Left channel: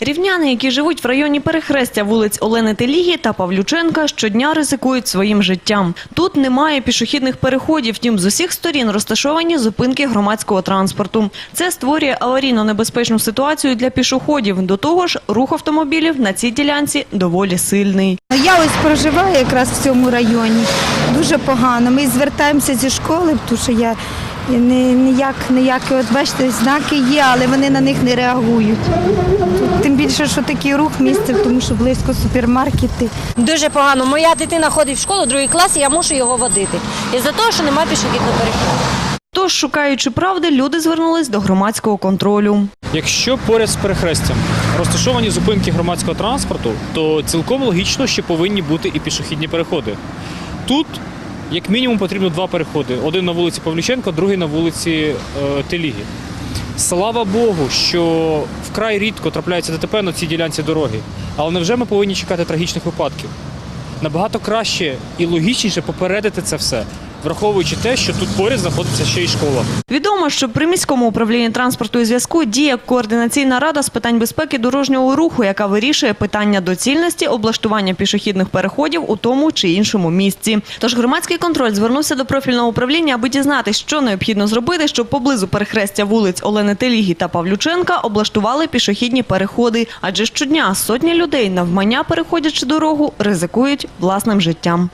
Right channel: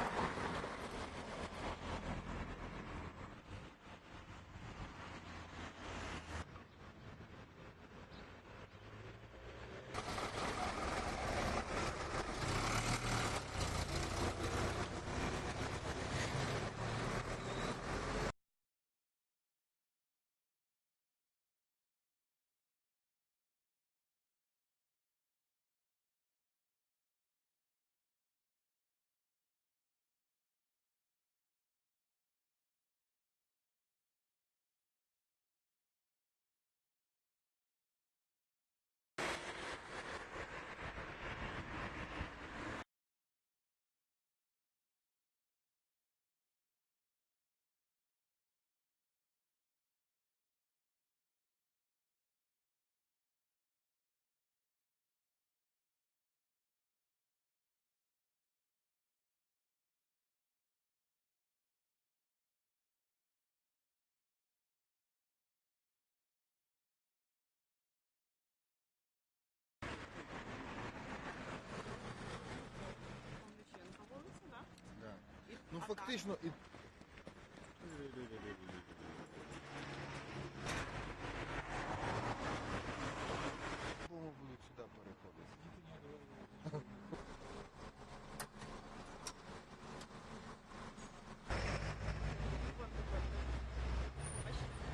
Рівняни, які живуть в районі перехрестя вулиць Олени Телігі та Павлюченка, щодня ризикують своїм життям. Тут немає пішохідних переходів, втім з усіх сторін розташовані зупинки громадського транспорту. Це створює аварійно небезпечну ситуацію для пішоходів. До того ж, рух автомобілів на цій ділянці доволі сильний. Я ось проживаю якраз в цьому районі. Дуже погано. Ми звертаємося зі школи, тому що я не, ніяк, ніякі, от бачите, знаки є, але вони на них не реагують. Тим більше, що такий рух місце, тому що близько супермаркети. Дуже погано. Моя дитина ходить в школу, другий клас, і я мушу його водити. Із-за того, що немає пішохідного переходу. Тож, шукаючи правди, люди звернулись до громадського контролю. Якщо поряд з перехрестям розташовані зупинки громадського транспорту, то цілком логічно, що повинні бути і пішохідні переходи. Тут, як мінімум, потрібно два переходи: один на вулиці Павліченка, другий на вулиці е, Телігі. Слава Богу, що вкрай рідко трапляється ДТП на цій ділянці дороги. Але невже ми повинні чекати трагічних випадків? Набагато краще і логічніше попередити це все, враховуючи те, що тут поряд знаходиться ще й школа. Відомо, що при міському управлінні транспорту і зв'язку діє координаційна рада з питань безпеки дорожнього руху, яка вирішує питання доцільності облаштування пішохідних переходів у тому чи іншому місці. Тож громадський контроль звернувся до профільного управління, аби дізнатися, що необхідно зробити, щоб поблизу перехрестя вулиць Олени Телігі та Павлюченка облаштували пішохідні переходи. Адже щодня сотні людей навмання переходячи дорогу ризикують власним життям.